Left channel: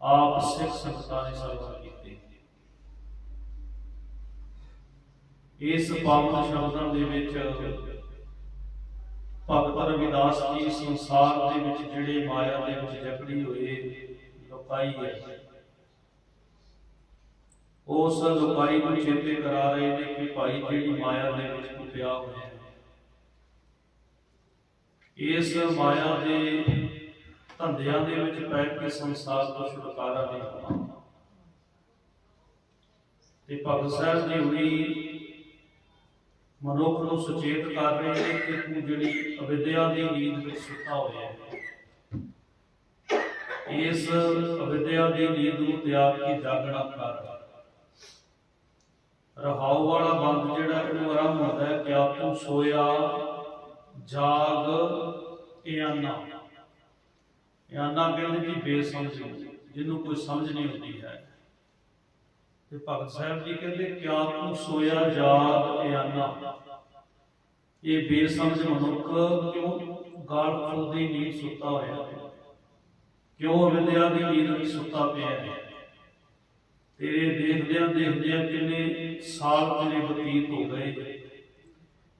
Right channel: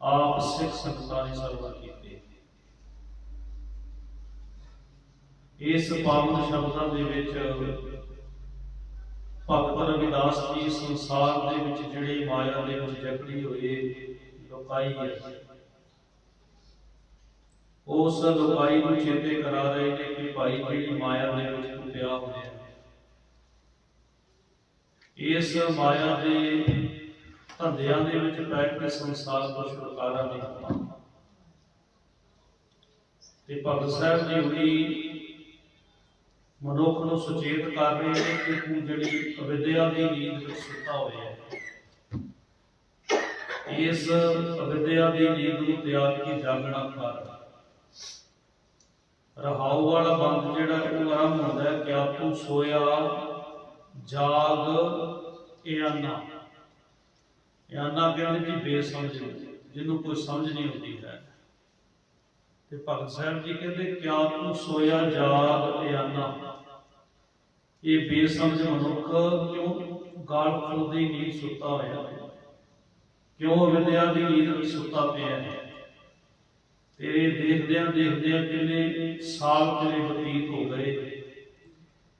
ਆਪ ਸਿੱਖ ਸੰਗਤਾਂ ਨੇ ਸਰਵਰ ਕੀਤੇ ਇਸ ਪਾਵਨ ਸ਼ਬਦਾਂ ਦੇ ਵਿੱਚ ਭਗਤ ਰਵਿਦਾਸ ਜੀ ਸੰਸਾਰ ਦੇ ਵਿੱਚ ਜਿਹੜੇ ਮਾਇਆ ਦੇ ਵਿੱਚ ਜਕੜੀ ਹੋਏ ਲੋਕਾਈ ਹੈ। ਉਸ ਲੋਕਾਈ ਨੂੰ ਚੇਤੇ ਕਰਾ ਰਹੇ ਨੇ ਕਿ ਭਾਈ ਜਿਹੜੀ ਮਾਇਆ ਦੇ ਵਿੱਚ ਤੂੰ ਪਿਆ ਹੋਇਆ ਇਸ ਮਾਇਆ ਦੇ ਧੰਦਿਆਂ ਦੇ ਵਿੱਚ ਪੈ ਕੇ ਸੰਸਾਰ ਤੋਂ ਛੁਟਕਾਰਾ ਨਹੀਂ ਹੋਣਾ ਤੇ ਭਗਤ ਸਾਹਿਬ ਜੀ ਵੀ ਮਨੁੱਖ ਨੂੰ ਸੁਚੇਤ ਕਰ ਰਹੇ ਨੇ ਕਿ ਤੂੰ ਜਿਹੜੀ ਅਵਿਦਿਆ ਦੀ ਨੀਂਦ ਵਿੱਚ ਸੁੱਤਾ ਹੋਇਆ ਹੈ, ਇਸ ਅਵਿਦਿਆ ਦੀ ਨੀਂਦ ਨੂੰ ਤਿਆਗ ਕੇ ਜਾਗਣਾ ਕਰ ਰਹਾਉ ਵਾਲਾ ਬੰਦ ਜਿਹੜਾ ਉਹ ਆਰੰਭ ਹੁੰਦਾ ਹੈ, ਕਿਆ ਤੂੰ ਸੋਇਆ, ਜਾਗ ਇਆਨਾ ਇਆਨਾ ਕਹਿੰਦੇ ਕਿ ਬੇਸਮਝ ਨੂੰ ਜਿਹਨੂੰ ਕੋਈ ਸਮਝ ਨਹੀਂ ਹੁੰਦੀ ਹੈ। ਤੇ ਭਗਤ ਸਾਹਿਬ ਜੀ ਕਹਿੰਦੇ, ਕਿਆ ਤੂੰ ਸੋਇਆ ਜਾਗ ਇਆਨਾ ਇਹ ਬੇਸਮਝ ਮਨੁੱਖ ਕਿਉਂ ਗਾਲ ਫੁੱਲਦੀ ਨੀਂਦ ਸੁੱਤਾ ਹੋਇਆ ਕਿਉਂ ਵਿਦਿਆ ਦੀ ਨੀਂਦ ਵਿੱਚ ਸੁੱਤਾ ਪਿਆ ਹੈ? ਤੇਰੇ ਦੇਖਦਿਆਂ ਦੇਖਦਿਆਂ ਕਿੰਨੇ ਸਾਲ ਤੇਰੇ ਬਤੀਤ ਹੋ ਗਏ।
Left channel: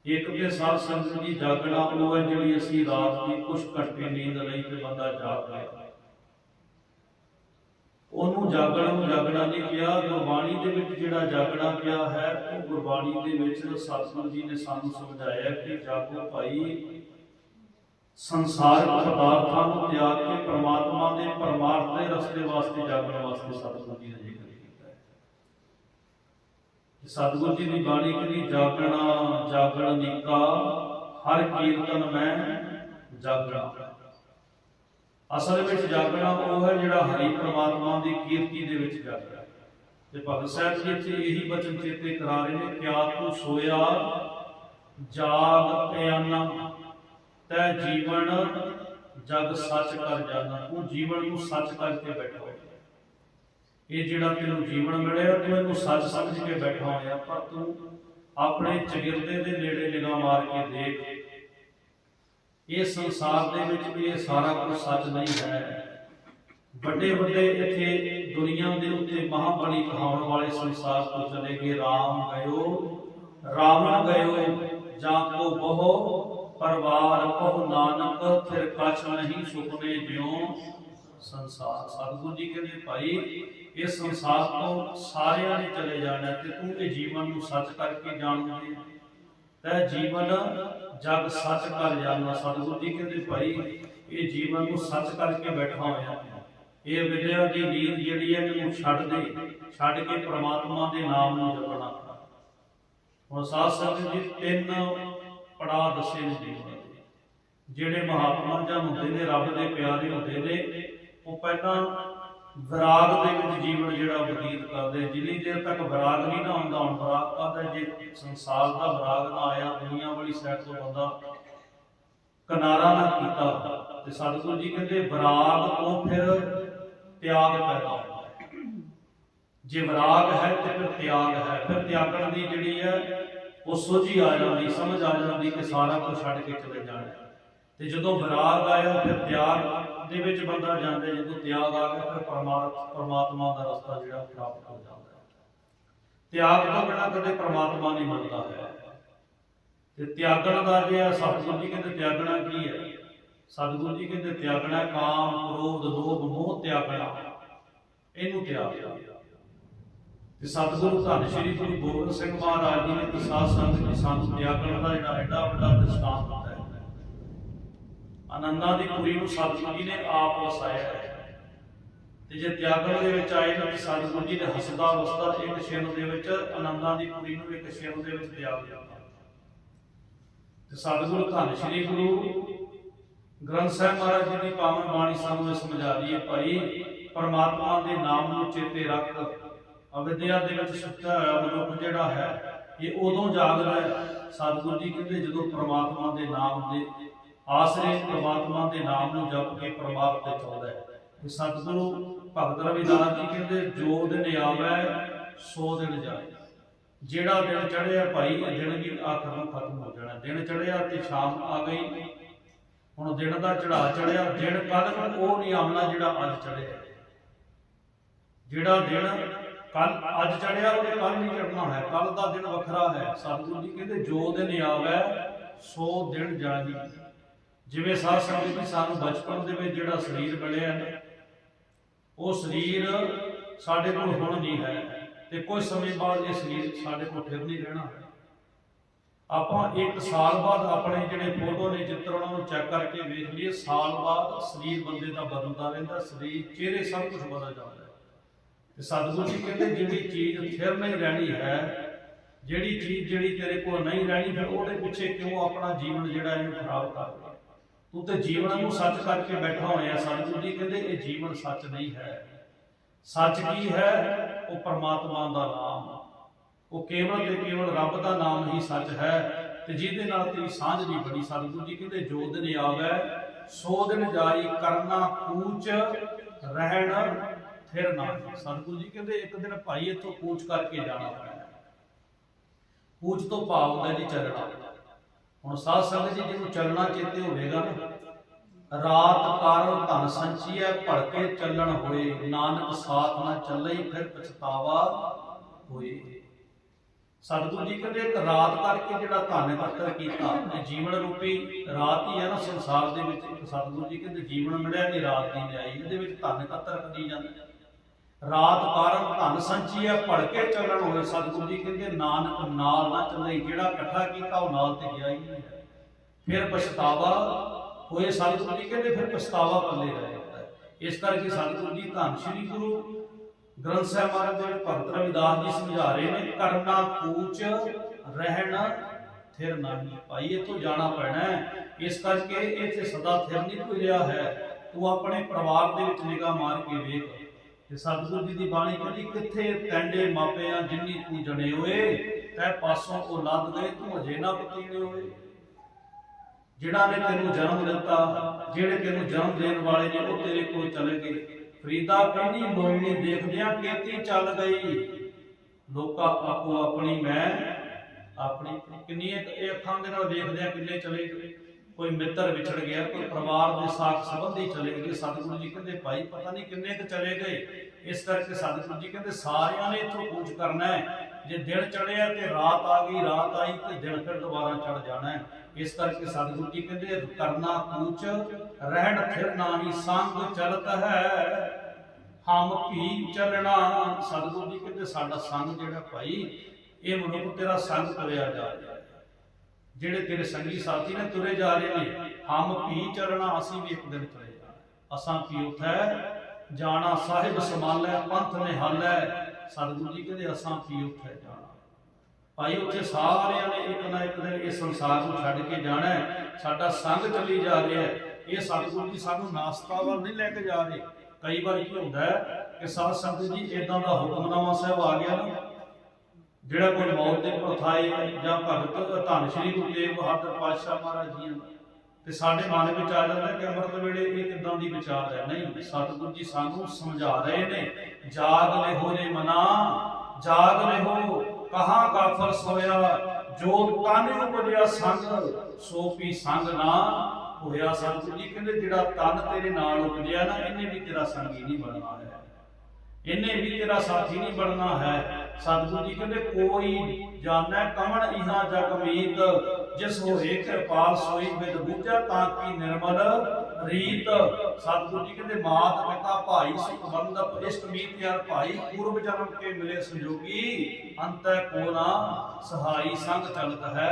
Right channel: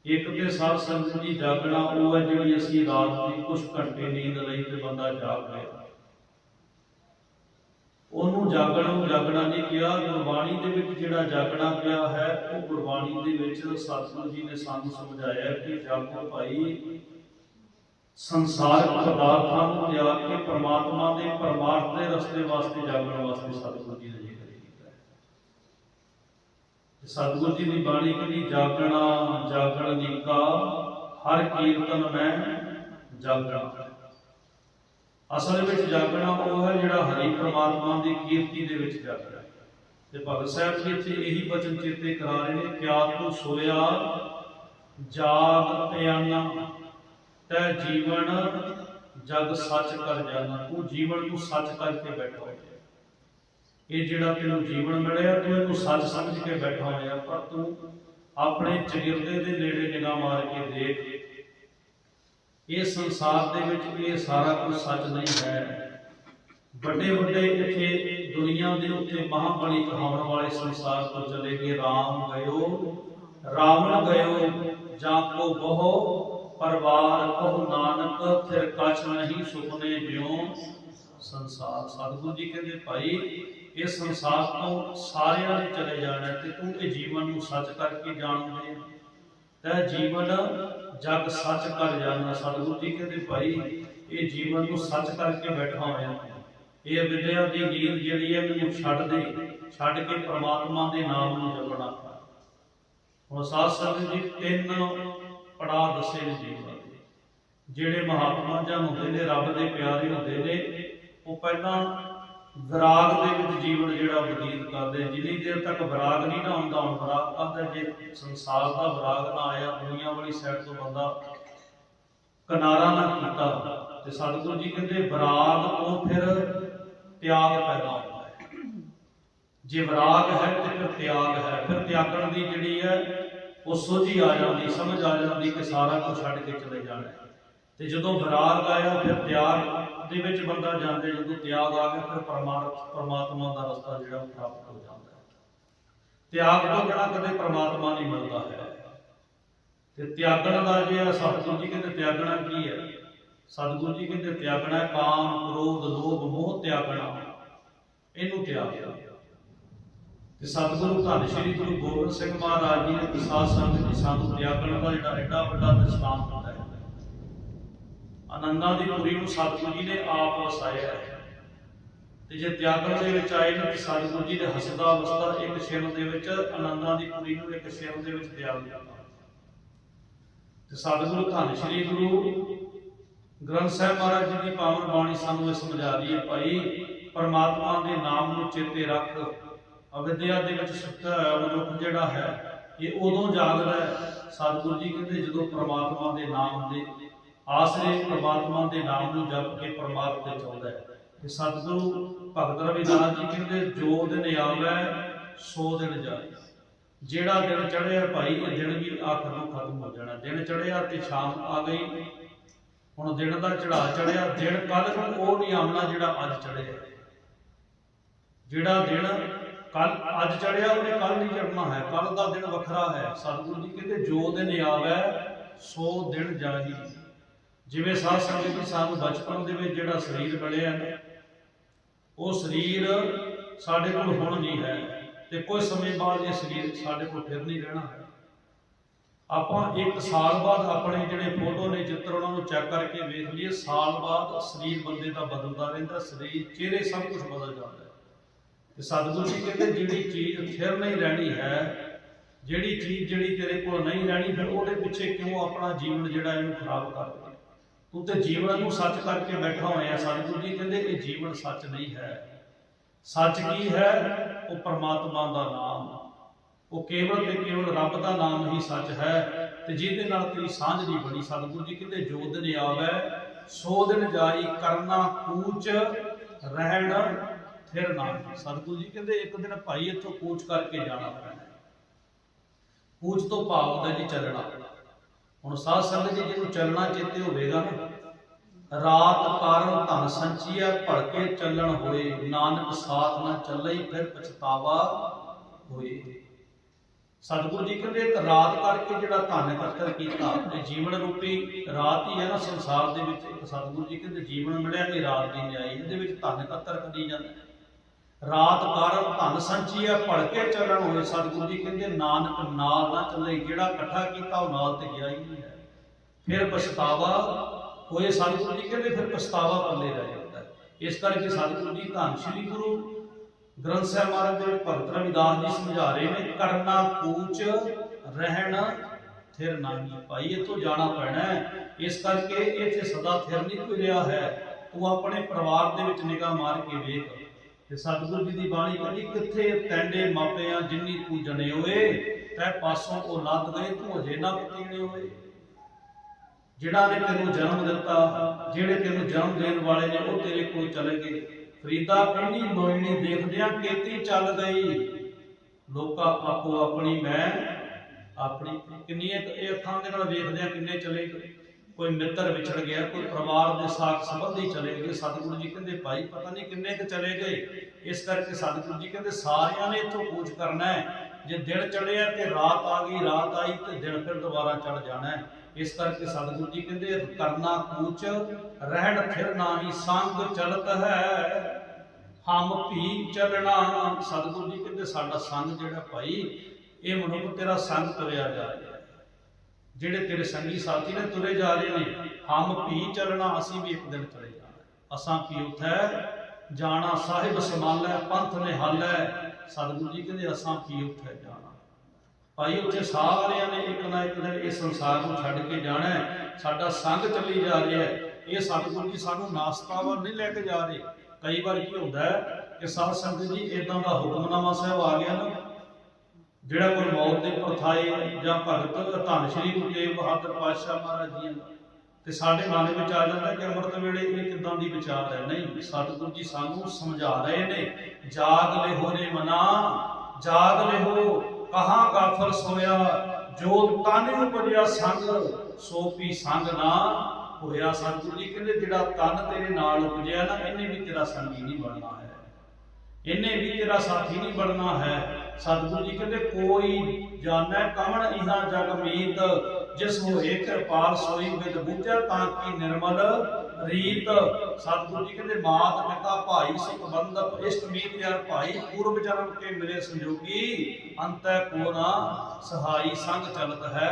ਇੱਕ ਤੇ ਸਾਧ ਸੰਗਤ ਜੀ ਜਾਗਣਾ ਉਹ ਹੈ ਜਿਹੜੀ ਅਸੀਂ ਰਾਤ ਦੀ ਕੁਝ ਘੰਟੇ ਨੀਂਦ ਲਈ ਤੇ ਬੰਦਾ ਜਾਗ ਗਿਆ ਉਹਨੂੰ ਜਾਗਣਾ ਜਾਗਣਾ ਨਹੀਂ ਕਿਹਾ, ਗੁਰਬਾਣੀ ਦੇ ਵਿੱਚ ਜਿਹੜਾ ਜਾਗਣਾ ਪਿਆ ਹੈ, ਉਹ ਗੁਰਬਾਣੀ ਦੇ ਵਿੱਚ ਸਤਿਗੁਰੂ ਜੀ ਨੇ ਸਾਨੂੰ ਸਮਝਾਇਆ ਕਿ ਜਾਗੋ ਭਾਈ, ਸੰਸਾਰ ਪਦਾਰਥਾਂ ਨੂੰ ਤਿਆਗ ਕੇ ਪ੍ਰਮਾਤਮਾ ਦੇ ਪਰਮਾਰਥ ਦੇ ਰਸਤੇ ਵਾਸਤੇ ਜਾਗਣ ਵਾਸਤੇ ਸਤਿਗੁਰੂ ਜੀ ਨੇ ਸਤਿਗੁਰੂ ਜੀ ਦੀ ਬਾਣੀ ਕਹਿੰਦੀ, ਜਾਗਣਾ, ਜਾਗਣ ਨੀਕਾ ਹਰ ਕੀਰਤਨ ਮੈਂ ਜਾਗਣਾ। ਅਸਲ ਵਿੱਚ ਜਾਗਣਾ ਉਹ ਹੈ ਜਿਹੜਾ ਹਰੀ ਪ੍ਰਮਾਤਮਾ ਦੀ ਕੀਰਤੀ ਦੇ ਵਿੱਚ ਜਾਗਦਾ ਹੈ। ਤੇ ਭਗਤ ਸਾਹਿਬ ਜੀ ਇੱਥੇ ਇਹੀ ਬਚਨ ਚੇਤੇ ਕਰਾ ਰਹੇ ਨੇ, ਕਿਆ ਤੂੰ ਸੋਇਆ, ਜਾਗ ਇਆਨਾ ਤੈ ਜੀਵਨ ਜਗ ਸੱਚ ਕਰ ਜਾਣਾ। ਤੂੰ ਜੀਵਨ ਨੂੰ ਸੱਚ ਕਰਕੇ ਬੈਠੋ ਇਹ ਜਿਹੜਾ ਤੈਨੂੰ ਜੀਵਨ ਮਿਲਿਆ, ਤੂੰ ਇਹਨੂੰ ਸੱਚ ਸਮਝ ਕੇ ਬੈਠਾ ਹੋਇਆ, ਪਰ ਤੂੰ ਆਪਣੇ ਚਿਰਦੇ ਦੇ ਨੇੜੇ ਨਿਗਾਹ ਮਾਰ ਕੇ ਦੇਖ। ਇਹ ਸੰਸਾਰ ਦੇ ਵਿੱਚ ਇਹ ਸਾਰਾ ਕੁਝ ਸੱਚ ਨਹੀਂ ਹੈ। ਵੱਡੇ ਵੱਡੇ ਇੱਥੇ ਦੁਨੀਆ ਦੇ ਉੱਤੇ ਮਹਾਬਲੀ ਕਹਾਉਣ ਵਾਲੇ ਸੰਸਾਰ ਤੋਂ ਚਲੇ ਗਏ, ਰਾਮ ਗਇਓ, ਰਾਵਣ ਗਇਓ, ਜਾਂ ਕੋ ਬਹੁ ਪਰਵਾਰ ਕੋ ਨਾਨਕ, ਫਿਰ ਕਛ ਨਹੀਂ ਸੁਪਨੇ ਜਿਉ। ਸੰਸਾਰ, ਸਤਿਗੁਰੂ ਜੀ ਕਹਿੰਦੇ, ਭਾਈ ਇਹ ਸੰਸਾਰ ਤੋਂ ਸਾਰਿਆਂ ਨੇ ਚਲੇ ਜਾਣਾ ਤੇ ਤੂੰ ਇਹ ਜੀਵਨ ਨੂੰ ਸੱਚ ਕਰਕੇ ਜਾਣਦੇ ਤੈ ਜੀਵਨ ਜਗ ਸੱਚ ਕਰ ਜਾਣਾ, ਸਤਿਗੁਰੂ ਜੀ ਕਹਿੰਦੇ ਭਾਈ, ਇਹ ਜੀਵਨ ਨੂੰ ਸੱਚ ਕਰਕੇ ਬੈਠਾ ਹੋਇਆ ਇਹ ਵਿਦਿਆ ਦੀ ਨੀਂਦ ਜਿਹੜੀ ਹੈ ਇਹਨੂੰ ਛੱਡ ਦੇ, ਛੱਡ ਕੇ ਪ੍ਰਮਾਤਮਾ ਦੇ ਨਾਮ ਨੂੰ ਜਪਣਾ। ਹੁਣ ਸਾਧ ਸੰਗਤ ਜੀ, ਤਿੰਨ ਪੜਾਅ ਦੱਸੇ ਨੇ ਜੀਵਨ ਜਿਹੜੇ ਮਹਾਤਮਾ ਜਨ ਹੁੰਦੇ ਨੇ, ਰੱਬ ਦੇ ਪਿਆਰੇ ਹੁੰਦੇ ਨੇ, ਉਹ ਪਹਿਲਾਂ ਵਿਰਾਗ ਦੇ ਵਿੱਚ ਜੀਵਨ ਜਿਹੜਾ ਬਤੀਤ ਕਰਦੇ, ਜਿੰਨੀ ਦੇਰ ਤੱਕ ਵਿਰਾਗ ਨਹੀਂ ਨਾ ਹੁੰਦਾ, ਹੁਣ ਵਿਰਾਗ ਕਰਦਾ, ਜੇ ਸੰਸਾਰ ਦਾ ਵਿਰਾਗ ਨਾ ਆਇਆ, ਦੁਨੀਆ ਵਾਲੀ ਸਾਈਡ ਤੋਂ ਬੰਦਾ ਕਿਨਾਰਾ ਨਾ ਕੀਤਾ ਤੇ ਸਤਿਗੁਰੂ ਜੀ ਕਹਿੰਦੇ, ਵਿਰਾਗ ਤੋਂ ਫਿਰ ਤਿਆਗ ਪੈਦਾ ਹੁੰਦਾ ਹੈ। ਜੇ ਵਿਰਾਗ ਹੈ ਤੇ ਫਿਰ ਤਿਆਗ ਹੈ। ਫਿਰ ਤਿਆਗਣ ਦੀ ਜਿਹੜੀ ਹੈ, ਉਹ ਸੋਝੀ ਆ ਜਾਂਦੀ, ਸਮਝ ਆ ਜਾਂਦੀ ਕਿ ਸਾਰਾ ਕੁਝ ਛੱਡ ਕੇ ਚਲੇ ਜਾਣਾ। ਤੇ ਜਦੋਂ ਵਿਰਾਗ ਆਇਆ ਫਿਰ ਤਿਆਗ ਦੇ ਵਿੱਚ ਬੰਦਾ ਜਾਂਦਾ ਜਦੋਂ ਤਿਆਗ ਆ ਗਿਆ, ਫਿਰ ਪਰਮਾਰਥ, ਪਰਮਾਤਮਾ ਦਾ ਰਸਤਾ ਜਿਹੜਾ ਪ੍ਰਾਪਤ ਹੋ ਜਾਂਦਾ ਹੈ। ਤਿਆਗ ਤੋਂ ਬਿਨਾਂ ਕਦੇ ਪਰਮਾਤਮਾ ਨਹੀਂ ਮਿਲਦਾ ਹੈ। ਤੇ ਤਿਆਗਣ ਦਾ ਜੇ ਆ, ਸਤਿਗੁਰੂ ਜੀ ਕਹਿੰਦੇ ਤਿਆਗਣਾ ਕੀ ਹੈ? ਸਤਿਗੁਰੂ ਜੀ ਕਹਿੰਦੇ ਤਿਆਗਣਾ ਕਾਮ, ਕ੍ਰੋਧ, ਲੋਭ, ਮੋਹ ਤਿਆਗਣਾ। ਇਹਨੂੰ ਤਿਆਗਿਆ ਦਿਓ ਤੇ ਸਤਿਗੁਰੂ ਧੰਨ ਸ਼੍ਰੀ ਗੁਰੂ ਗੋਬਿੰਦ ਸਿੰਘ ਮਹਾਰਾਜ ਜੀ ਨੇ ਤੇ ਸਾਧ ਸੰਗਤ ਜੀ ਸਾਨੂੰ ਤਿਆਗਣ ਦਾ ਜਿਹੜਾ ਐਡਾ ਵੱਡਾ ਦ੍ਰਿਸ਼ਟਾਂਤ ਆਨੰਦਾਂ ਦੀ ਪੁਰੀ ਨੂੰ ਸਤਿਗੁਰੂ ਜੀ ਨੇ ਆਪ ਵਸਾਇਆ ਹੈ। ਤੇ ਜੇ ਤਿਆਗਣ ਦੇ ਵਿੱਚ ਆਏ ਨੇ ਸਤਿਗੁਰੂ ਜੀ ਦੇ ਹਸਦਾ ਵਸਦਾ ਇੱਕ ਛਿਣ ਦੇ ਵਿੱਚ ਆਨੰਦਾਂ ਦੀ ਪੁਰੀ ਨੂੰ ਇੱਕ ਛਿਣ ਦੇ ਵਿੱਚ ਤਿਆਗ ਦਿੱਤਾ। ਤੇ ਸਤਿਗੁਰੂ ਧੰਨ ਸ਼੍ਰੀ ਗੁਰੂ ਗ੍ਰੰਥ ਸਾਹਿਬ ਮਹਾਰਾਜ ਜੀ ਦੀ ਪਾਵਨ ਬਾਣੀ ਸਾਨੂੰ ਇਹ ਸਮਝਾ ਰਹੀ ਹੈ ਭਾਈ, ਪਰਮਾਤਮਾ ਦੇ ਨਾਮ ਨੂੰ ਚੇਤੇ ਰੱਖ। ਅਵਿਦਿਆ ਦੇ ਵਿੱਚ ਸੁੱਤਾ ਹੋਇਆ ਮਨੁੱਖ ਜਿਹੜਾ ਹੈ, ਇਹ ਉਦੋਂ ਜਾਗਦਾ ਹੈ, ਸਤਿਗੁਰੂ ਜੀ ਕਹਿੰਦੇ ਜਦੋਂ ਪ੍ਰਮਾਤਮਾ ਦੇ ਨਾਮ ਦੇ ਆਸਰੇ ਪਰਮਾਤਮਾ ਦੇ ਨਾਮ ਨੂੰ ਜਪ ਕੇ ਪਰਮਾਰਥ ਤੇ ਚਾਹੁੰਦਾ ਹੈ। ਤੇ ਸਤਿਗੁਰੂ ਭਗਤ ਰਵਿਦਾਸ ਜੀ ਕਹਿੰਦੇ, ਜੋ ਦਿਨ ਆਵੇ, ਸੋ ਦਿਨ ਜਾਏ। ਜਿਹੜਾ ਦਿਨ ਚੜਿਆ ਭਾਈ, ਇਹ ਦਿਨ ਵੀ ਆਖਰ ਨੂੰ ਖਤਮ ਹੋ ਜਾਣਾ। ਦਿਨ ਚੜਿਆ ਤੇ ਸ਼ਾਮ ਆ ਗਈ। ਹੁਣ ਦਿਨ ਦਾ ਚੜਾ ਚੜਿਆ ਦਿਨ ਕੱਲ ਨੂੰ ਉਹ ਨਹੀਂ ਆਉਣਾ ਜਿਹੜਾ ਅੱਜ ਚੜਿਆ ਜਿਹੜਾ ਦਿਨ ਕੱਲ ਅੱਜ ਚੜਿਆ ਉਹਨੇ ਕੱਲ ਨਹੀਂ ਚੜਨਾ ਹੈ। ਕੱਲ ਦਾ ਦਿਨ ਵੱਖਰਾ ਹੈ। ਸਤਿਗੁਰੂ ਜੀ ਕਹਿੰਦੇ, ਜੋ ਦਿਨ ਆਵੇ, ਸੋ ਦਿਨ ਜਾਹੀ। ਜਿਵੇਂ ਸਾਧ ਸੰਗਤ ਜੀ ਸਾਨੂੰ ਬਚਪਨ ਦੇ ਵਿੱਚ ਜਿਹੜਾ ਸਰੀਰ ਮਿਲਿਆ ਨਾ, ਉਹ ਸਰੀਰ ਸਾਡੇ ਕੋਲ ਹੁਣ ਨਹੀਂ ਹੈ ਤੇ ਕੁਝ ਸਮੇਂ ਬਾਅਦ ਇਹ ਸਰੀਰ ਸਾਡੇ ਕੋਲ ਫਿਰ ਨਹੀਂ ਰਹਿਣਾ ਹੈ। ਆਪਾਂ ਇੱਕ ਸਾਲ ਬਾਅਦ ਆਪਣੇ ਜਿਹੜੇ ਫੋਟੋ ਨੇ ਚਿੱਤਰ, ਉਹਨਾਂ ਨੂੰ ਚੈੱਕ ਕਰਕੇ ਵੇਖ ਲਈਏ, ਸਾਲ ਬਾਅਦ ਸਰੀਰ ਬੰਦੇ ਦਾ ਬਦਲਦਾ ਰਹਿੰਦਾ, ਸਰੀਰ ਚਿਹਰੇ ਸਭ ਕੁਝ ਬਦਲ ਜਾਂਦਾ ਹੈ। ਤੇ ਸਤਿਗੁਰੂ ਜੀ ਕਹਿੰਦੇ, ਜਿਹੜੀ ਚੀਜ਼ ਥਿਰ ਨਹੀਂ ਰਹਿਣੀ ਹੈ, ਜਿਹੜੀ ਚੀਜ਼ ਜਿਹੜੀ ਤੇਰੇ ਕੋਲ ਨਹੀਂ ਰਹਿਣੀ, ਫਿਰ ਉਹਦੇ ਪਿੱਛੇ ਕਿਉਂ ਆਪਣਾ ਜੀਵਨ ਜਿਹੜਾ ਇਹਨੂੰ ਖਰਾਬ ਕਰ ਤੂੰ ਤੇ ਜੀਵਨ ਨੂੰ ਸੱਚ ਕਰਕੇ ਬੈਠਾ ਹੋਇਆ ਸਤਿਗੁਰੂ ਜੀ, ਕਹਿੰਦੇ ਇਹ ਜੀਵਨ ਸੱਚ ਨਹੀਂ ਹੈ। ਸੱਚ ਕੀ ਹੈ? ਉਹ ਪ੍ਰਮਾਤਮਾ ਦਾ ਨਾਮ। ਉਹ ਕੇਵਲ ਤੇ ਕੇਵਲ ਰੱਬ ਦਾ ਨਾਮ ਹੀ ਸੱਚ ਹੈ ਤੇ ਜਿਹਦੇ ਨਾਲ ਤੇਰੀ ਸਾਂਝ ਨਹੀਂ ਬਣੀ ਸਤਿਗੁਰੂ ਜੀ, ਕਹਿੰਦੇ ਜੋ ਦਿਨ ਆਵੇ, ਸੋ ਦਿਨ ਜਾਈ ਕਰਨਾ ਕੂਚ, ਰਹਿਣ ਫਿਰ ਨਾ। ਸਤਿਗੁਰੂ ਜੀ, ਕਹਿੰਦੇ ਇੱਕ ਦਿਨ ਭਾਈ ਇੱਥੋਂ ਕੂਚ ਕਰਕੇ ਜਾਣਾ ਪੈਣਾ। ਕੂਚ ਤੋਂ ਭਾਵ ਦਾ ਜੀ ਚੱਲਣਾ। ਹੁਣ ਸਾਧ ਸੰਗਤ ਜੀ, ਜਿਹਨੂੰ ਚੱਲਣਾ ਚੇਤੇ ਹੋਵੇਗਾ ਨਾ ਰਾਤ ਕਾਰਨ ਧਨ ਸੰਚੀਐ ਭੜਕੇ ਚੱਲਣ ਹੋਏ, ਨਾਨਕ ਸਾਥ ਨਾ ਚੱਲਈ, ਫਿਰ ਪਛਤਾਵਾ ਹੋਏ। ਸਤਿਗੁਰੂ ਜੀ ਕਹਿੰਦੇ, ਇੱਕ ਰਾਤ ਕਰਕੇ ਜਿਹੜਾ ਧਨ ਇਕੱਤਰ ਕੀਤਾ, ਇਹ ਜੀਵਨ ਰੂਪੀ ਰਾਤ ਹੀ ਹੈ ਨਾ, ਸੰਸਾਰ ਦੇ ਵਿੱਚ। ਸਤਿਗੁਰੂ ਜੀ ਕਹਿੰਦੇ, ਜੀਵਨ ਮਿਲਿਆ ਨਹੀਂ ਰਾਤ ਦੀ ਨਿਆਈ। ਇਹਦੇ ਵਿੱਚ ਧਨ ਇਕੱਤਰ ਕਰੀ ਜਾਂਦਾ। ਰਾਤ ਕਾਰਨ ਧਨ ਹੈ, ਭੜਕੇ ਚੱਲਣ ਹੋਏ ਸਤਿਗੁਰੂ ਜੀ। ਕਹਿੰਦੇ, ਨਾਨਕ ਨਾਲ ਨਾ ਚੱਲੇ, ਜਿਹੜਾ ਇਕੱਠਾ ਕੀਤਾ ਉਹ ਨਾਲ ਤੇ ਗਿਆ ਹੀ ਨਹੀਂ ਹੈ। ਫਿਰ ਪਛਤਾਵਾ ਹੋਏ ਸਤਿਗੁਰੂ ਜੀ, ਕਹਿੰਦੇ, ਫਿਰ ਪਛਤਾਵਾ ਪੱਲੇ ਰਹਿ ਜਾਂਦਾ ਇਸ ਕਰਕੇ ਸਤਿਗੁਰੂ ਜੀ ਧੰਨ ਸ਼੍ਰੀ ਗੁਰੂ ਗ੍ਰੰਥ ਸਾਹਿਬ ਮਹਾਰਾਜ ਦੇ ਭਗਤ ਰਵਿਦਾਸ ਜੀ ਸਮਝਾ ਰਹੇ ਨੇ, ਕਰਨਾ ਕੂਚ, ਰਹਿਣ, ਥਿਰ ਨਹੀਂ। ਭਾਈ, ਇੱਥੋਂ ਜਾਣਾ ਪੈਣਾ ਇਸ ਕਰਕੇ ਇੱਥੇ ਸਦਾ ਥਿਰ ਨਹੀਂ ਕੋਈ ਰਿਹਾ ਹੈ। ਤੂੰ ਆਪਣੇ ਪਰਿਵਾਰ ਦੇ ਵਿੱਚ ਨਿਗਾਹ ਮਾਰ ਕੇ ਵੇਖ। ਤੇ ਸਤਿਗੁਰੂ ਜੀ ਦੀ ਬਾਣੀ ਕਹਿੰਦੀ, ਕਿੱਥੇ ਤੈਂਡੇ ਮਾਪਿਆਂ ਜਿੰਨੀ ਤੂੰ ਜਣੇ ਤੈ ਪਾਸੋਂ ਉਹ ਲੱਦ ਗਏ, ਤੂੰ ਅਜੇ ਨਾ ਪਤੀਣੇ ਹੋਏ। ਜਿਹੜਾ ਨੇ ਤੈਨੂੰ ਜਨਮ ਦਿੱਤਾ, ਜਿਹੜੇ ਤੈਨੂੰ ਜਨਮ ਦੇਣ ਵਾਲੇ ਨੇ, ਉਹ ਤੇਰੇ ਕੋਲ ਚਲੇ ਗਏ। ਫਰੀਦਾ ਕਹਿੰਦੀ ਲੋਇਣੀ ਦੇਖਦਿਆਂ ਕੀਤੀ ਚੱਲ ਗਈ। ਲੋਕਾਂ ਆਪੋ ਆਪਣੀ ਮੈਂ, ਆਪਣੀ ਕਿੰਨੀਆਂ ਇਹ ਅੱਖਾਂ ਦੇ ਨਾਲ ਵੇਖਦਿਆਂ ਕਿੰਨੇ ਚਲੇ ਗਏ। ਕੋਈ ਮਿੱਤਰ ਵਿਛੜ ਗਿਆ, ਕੋਈ ਪਰਿਵਾਰ ਦੇ ਸਾਥ ਸੰਬੰਧੀ ਚਲੇ ਗਏ, ਸਤਿਗੁਰੂ ਜੀ ਕਹਿੰਦੇ, ਭਾਈ, ਪਤਾ ਨਹੀਂ ਕਿੰਨੇ ਕੁ ਚਲੇ ਗਏ। ਇਸ ਕਰਕੇ ਸਤਿਗੁਰੂ ਜੀ ਕਹਿੰਦੇ, ਸਾਰਿਆਂ ਨੇ ਇੱਥੋਂ ਕੂਚ ਕਰਨਾ ਹੈ। ਜੇ ਦਿਨ ਚੜਿਆ ਤੇ ਰਾਤ ਆ ਗਈ, ਰਾਤ ਆਈ ਤੇ ਦਿਨ ਫਿਰ ਦੁਬਾਰਾ ਚੜ ਜਾਣਾ ਹੈ। ਇਸ ਕਰਕੇ ਸਤਿਗੁਰੂ ਜੀ ਕਹਿੰਦੇ, ਕਰਨਾ ਕੂਚ, ਰਹਿਣ ਥਿਰ ਨਾਹੀ, ਸੰਗ ਚਲਤ ਹੈ, ਹਮ ਭੀ ਚੱਲਣਾ। ਸਤਿਗੁਰੂ ਜੀ ਕਹਿੰਦੇ, ਸਾਡਾ ਸੰਗ ਜਿਹੜਾ ਭਾਈ, ਇਹ ਮਨੁੱਖ ਤੇਰਾ ਸੰਗ ਤੁਰਿਆ ਜਾ ਰਿਹਾ ਜਿਹੜੇ ਤੇਰੇ ਸੰਗੀ ਸਾਥੀ ਨੇ ਤੁਰੇ ਜਾ ਰਹੇ ਨੇ, ਹਮ ਭੀ ਚੱਲਣਾ ਅਸੀਂ ਵੀ ਇੱਕ ਦਿਨ ਚਲੇ ਜਾਣਾ। ਅਸਾਂ ਕੀ ਉਥੈ? ਜਾਣਾ ਸਾਹਿਬ ਸਮਾਲੈ, ਪੰਥ ਨਿਹਾਲੈ। ਸਤਿਗੁਰੂ ਜੀ ਕਹਿੰਦੇ ਅਸਾਂ ਕੀ ਉਥੈ ਜਾਣਾ? ਭਾਈ ਉੱਥੇ ਸਾਰਿਆਂ ਨੇ ਇੱਕ ਨਾ ਇੱਕ ਦਿਨ ਇਸ ਸੰਸਾਰ ਨੂੰ ਛੱਡ ਕੇ ਜਾਣਾ ਸਾਡਾ ਸੰਗ ਚੱਲੀ ਜਾ ਰਿਹਾ ਇਹ ਸਤਿਗੁਰੂ ਜੀ ਸਾਨੂੰ ਨਾਸਤਾ ਵੱਲ ਨਹੀਂ ਲੈ ਕੇ ਜਾ ਰਹੇ। ਕਈ ਵਾਰ ਕੀ ਹੁੰਦਾ ਹੈ ਕਿ ਸਾਧ ਸੰਗਤ ਜੀ ਇਦਾਂ ਦਾ ਹੁਕਮਨਾਮਾ ਸਾਹਿਬ ਆ ਗਿਆ ਨਾ ਜਿਹੜਾ ਕੋਈ ਮੌਤ ਦੇ ਪਰਥਾਏ ਜਾਂ ਭਗਤ ਧੰਨ ਸ਼੍ਰੀ ਗੁਰੂ ਤੇਗ ਬਹਾਦਰ ਪਾਤਸ਼ਾਹ ਮਹਾਰਾਜ ਜੀ ਦਾ, ਤੇ ਸਾਡੇ ਮਨ ਵਿੱਚ ਆ ਜਾਂਦਾ ਕਿ ਅੰਮ੍ਰਿਤ ਵੇਲੇ ਇਹ ਕਿਦਾਂ ਦੀ ਵਿਚਾਰ ਹੈ? ਨਹੀਂ, ਸਤਿਗੁਰੂ ਜੀ ਸਾਨੂੰ ਸਮਝਾ ਰਹੇ ਨੇ, ਜਾਗ ਲਿਹੋ ਰੇ ਮਨਾ, ਜਾਗ ਲਿਹੋ ਕਹਾਂ ਕਾਫ਼ਰ ਸੋਇਆ, ਜੋ ਤਨ ਉਪਜਿਆ ਸੰਗ, ਸੋ ਪੀ ਸੰਗ ਨਾ ਹੋਇਆ। ਸਤਿਗੁਰੂ ਜੀ ਕਹਿੰਦੇ, ਜਿਹੜਾ ਤਨ ਤੇਰੇ ਨਾਲ ਉਪਜਿਆ ਨਾ, ਇਹਨੇ ਵੀ ਤੇਰਾ ਸੰਗੀ ਨਹੀਂ ਬਣਨਾ ਹੈ। ਇਹਨੇ ਵੀ ਤੇਰਾ ਸਾਥੀ ਨਹੀਂ ਬਣਨਾ ਹੈ। ਸਤਿਗੁਰੂ ਜੀ ਕਹਿੰਦੇ, ਕੋਈ ਜਾਣੈ ਕਮਣ ਇਹਾ ਜਗ ਮੀਤ, ਜਿਸ ਹੋਏ ਕਿਰਪਾਲ ਸੋਈ ਵਿਦ ਬੂਝਾ, ਤਾਂ ਕੀ ਨਿਰਮਲ ਰੀਤ। ਸਤਿਗੁਰੂ ਜੀ ਕਹਿੰਦੇ, ਮਾਤ ਪਿਤਾ ਭਾਈ ਸੁਖ ਬੰਧਪ ਇਸ਼ਟ ਮੀਤ ਯਾਰ ਭਾਈ, ਪੂਰਬ ਜਨਮ ਕੇ ਮਿਲੇ ਸੰਜੋਗੀ, ਅੰਤੈ ਕੋ ਨਾ ਸਹਾਈ ਸੰਗ ਚਲਤ ਹੈ,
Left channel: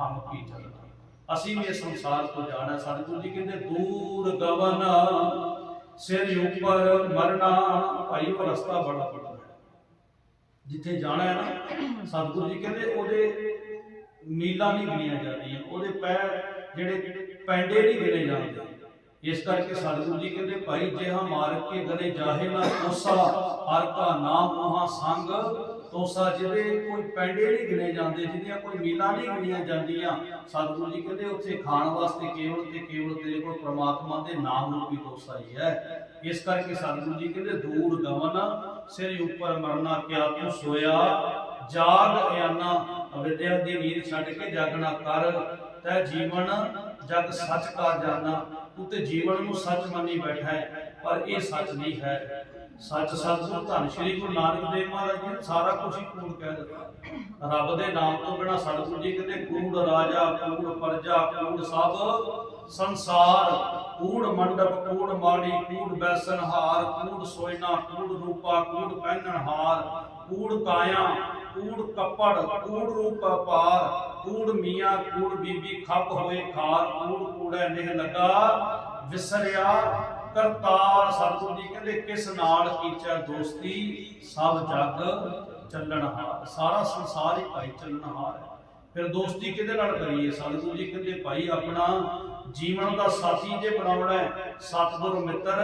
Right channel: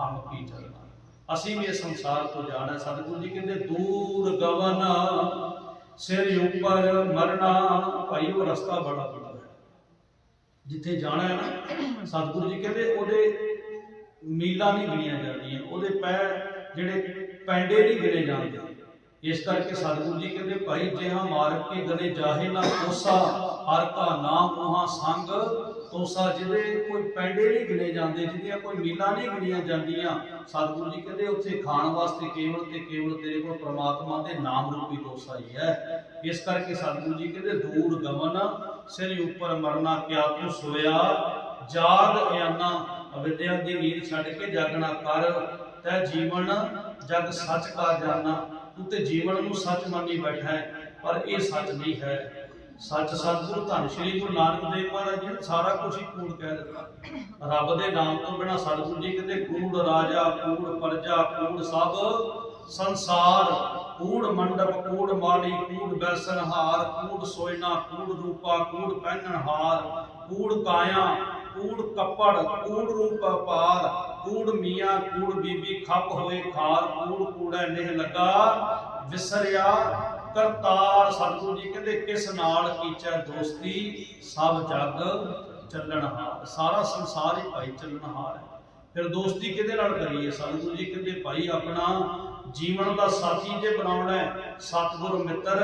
ਹਮ ਕੀ ਚਲਣਾ ਅਸੀਂ ਵੀ ਇਸ ਸੰਸਾਰ ਤੋਂ ਜਾਣਾ। ਸਤਿਗੁਰੂ ਜੀ ਕਹਿੰਦੇ, ਦੂਰ ਗਵਨ, ਸਿਰ ਉੱਪਰ ਮਰਨਾ, ਭਾਈ ਉਹ ਰਸਤਾ ਬੜਾ ਬੜਾ ਜਿੱਥੇ ਜਾਣਾ ਹੈ ਨਾ, ਸਤਿਗੁਰੂ ਜੀ ਕਹਿੰਦੇ ਉਹਦੇ ਮੀਲਾਂ ਨਹੀਂ ਗਿਣੀਆਂ ਜਾਂਦੀਆਂ, ਉਹਦੇ ਪੈ ਜਿਹੜੇ ਪੈਂਡੇ ਨਹੀਂ ਗਿਣੇ ਜਾਂਦੇ। ਇਸ ਕਰਕੇ ਸਤਿਗੁਰੂ ਜੀ ਕਹਿੰਦੇ, ਭਾਈ, ਜਿਹਾ ਮਾਰਗ ਕੇ ਗਲੇ ਜਾਹੇ ਨਾ ਕੋਸਾ ਹਰ ਕਾ ਨਾਮ ਉਹਾਂ ਸੰਗ। ਤੋਸਾ ਜਿਹਦੇ ਕੋਈ ਪੈਂਡੇ ਨਹੀਂ ਗਿਣੇ ਜਾਂਦੇ, ਜਿਹਦੀਆਂ ਕੋਈ ਮੀਲਾਂ ਨਹੀਂ ਗਿਣੀਆਂ ਜਾਂਦੀਆਂ। ਸਤਿਗੁਰੂ ਜੀ ਕਹਿੰਦੇ, ਉੱਥੇ ਖਾਣ ਵਾਸਤੇ ਕੇਵਲ ਤੇ ਕੇਵਲ ਤੇਰੇ ਕੋਲ ਪ੍ਰਮਾਤਮਾ ਦੇ ਨਾਮ ਰੂਪੀ ਤੋਸਾ ਹੀ ਹੈ। ਇਸ ਕਰਕੇ ਸਤਿਗੁਰੂ ਜੀ ਕਹਿੰਦੇ, ਦੂਰ ਗਮਨ ਸਿਰ ਉੱਪਰ ਮਰਨਾ, ਕਿਆ ਤੂੰ ਸੋਇਆ? ਜਾਗ ਇਆਨਾ, ਅਵਿਦਿਆ ਦੀ ਨੀਂਦ ਛੱਡ ਕੇ ਜਾਗਣਾ ਕਰ। ਤੈ ਜੀਵਨ ਜਗ ਸੱਚ ਕਾ ਜਾਣਾ। ਤੂੰ ਜੀਵਨ ਨੂੰ ਸੱਚ ਮੰਨੀ ਬੈਠਾ ਹੈ, ਪਰ ਇਹ ਸੱਚ ਨਹੀਂ ਹੈ। ਸੱਚ ਸਤਿਗੁਰੂ ਧੰਨ ਸ਼੍ਰੀ ਗੁਰੂ ਨਾਨਕ ਦੇਵ ਮਹਾਰਾਜ ਜੀ ਨੇ ਸਾਰਾ ਕੁਝ ਹੀ ਕੂੜ ਕਹਿ ਦਿੱਤਾ। ਰੱਬ ਦੇ ਨਾਮ ਤੋਂ ਬਿਨਾ ਸਤਿਗੁਰੂ ਜੀ ਕਿਤੇ ਕੂੜ ਰਾਜਾ, ਕੂੜ ਪਰਜਾ, ਕੂੜ ਸਭ ਸੰਸਾਰ, ਕੂੜ ਮੰਡਪ, ਕੂੜ ਮਾੜੀ ਕੂੜ ਬੈਸਨ ਕੂੜ ਸੋਇਨਾ ਕੂੜ ਰੂਪਾ, ਕੂੜ ਪਹਿਨਣ ਕੂੜ ਕਾਇਆ, ਕੂੜ ਕੱਪੜ, ਕੂੜ ਰੂਪ ਪਾਰ ਕੂੜ ਮੀਆਂ, ਕੂੜ ਬੀਬੀ ਖੱਪ ਹੋਏ ਖਾਰ, ਕੂੜ ਕੂੜਾ ਨਿਹ ਲੱਗਾ, ਵਿਸਰਿਆ ਕਰਤਾਰ। ਸਤਿਗੁਰੂ ਜੀ ਕਹਿੰਦੇ, ਕਿਸ ਨਾਲ ਕੀਚਾ ਦੋਸਤੀ? ਸਭ ਜਗ ਚੱਲਣਹਾਰ। ਸਾਰਾ ਸੰਸਾਰ ਹੀ ਭਾਈ ਚੱਲਣਹਾਰ ਹੈ। ਫਿਰ ਦੋਸਤੀ ਕਿਹਦੇ ਨਾਲ ਕਰੀਏ? ਸਤਿਗੁਰੂ ਜੀ ਕਹਿੰਦੇ, ਭਾਈ ਆਪਣਾ ਜੀਵਨ ਦਾ ਸਾਥੀ ਜੇ ਬਣਾਉਣਾ ਹੈ, ਸਤਿਗੁਰ ਮਿੱਤਰ,